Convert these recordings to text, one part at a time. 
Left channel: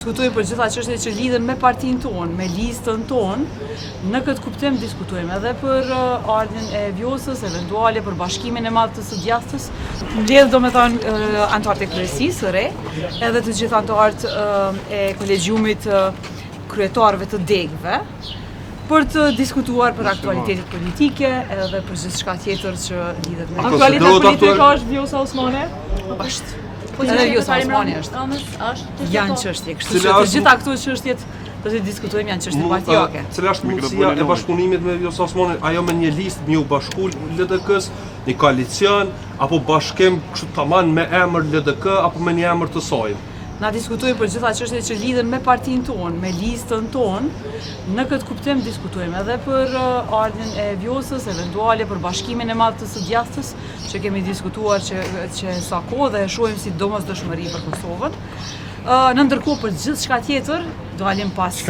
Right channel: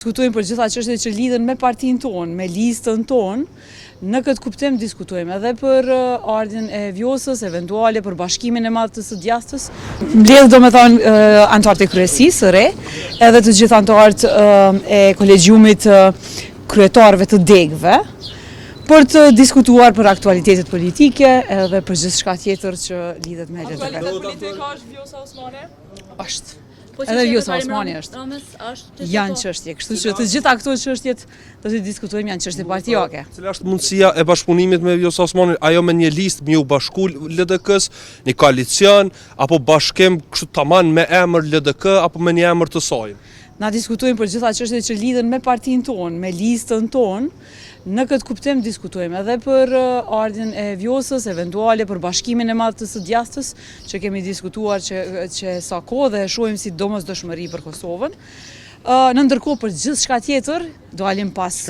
Diskutojmë për gjitha çështjet që lidhen me partinë tonë, me listën tonë. Në këtë kuptim diskutojmë edhe për ardhin e Vjosës, eventuale për bashkimin e madh të së djastës. Mbledh domethënë anëtarët e kryesisë së re, edhe të gjithë anëtarët e kolegjiumit kryetarëve të degëve, për të diskutuar për aktualitetet politike edhe për gjithçka tjetër që lidhet me aktualitet politike. Është Vjosa Osmani? Është. Edhe Vjosa Osmani është. Janë çështje, kështu që të gjitha këto çështjet do të diskutojmë, janë çështje partijake. Cila është mundësia e bashkëpunimit me Vjosa Osmanin, ajo me një listë me u bashku LDK-s, një koalicion apo bashkim kështu tamam me emër LDK apo me një emër të saj? Na diskutojmë për gjitha çështjet që lidhen me partinë tonë, me listën tonë. Në këtë kuptim diskutojmë edhe për ardhin e Vjosës, eventuale për bashkimin e madh të së djastës, që kemi diskutuar që sa kohë dhe e shohim si domosdoshmëri për Kosovën. Në ndërkohë për gjithçka tjetër do alim pas.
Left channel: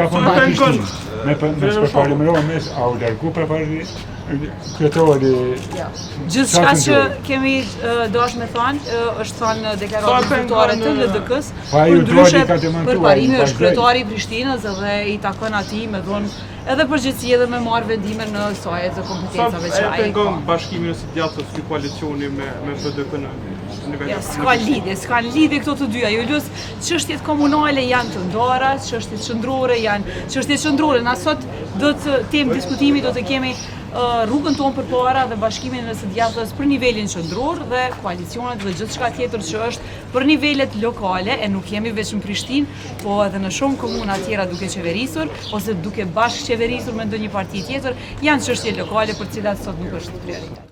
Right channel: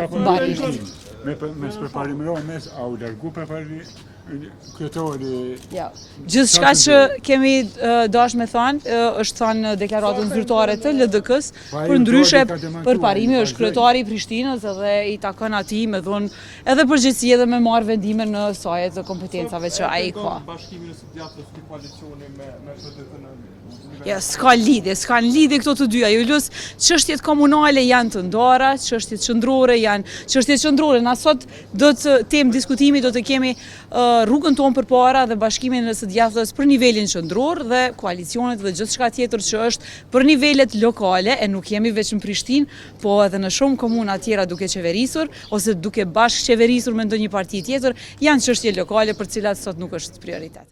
Me përparimeron mes au dërku përpari kryetari. Gjithçka që kemi dash me thënë është thënë deklaratën zyrtare të LDK-s, për ndryshe përparimi është kryetari i Prishtinës edhe i takon atij me dhënë edhe përgjegjësi edhe me marrë vendime në sajet të kompetencave që ai ka. Bashkimin e djathtës i koalicioni me PDK-n. Ja, s'ka lidhje këto të dyja. Julius, çështjet komunale janë të ndara, çështjet qendrore janë çështjet qendrore. Na sot do të tem diskutimi do të kemi rrugën tonë përpara dhe bashkimin e së djathtës për nivelin qendror dhe koalicionet dhe gjithçka tjetër që është për nivelet lokale, e nuk jemi vetëm në Prishtinë, po edhe në shumë komuna tjera duke qeverisur ose duke bashkë qeverisur me ndonjë parti tjetër, janë çështje lokale për cilat sot nuk është prioritet.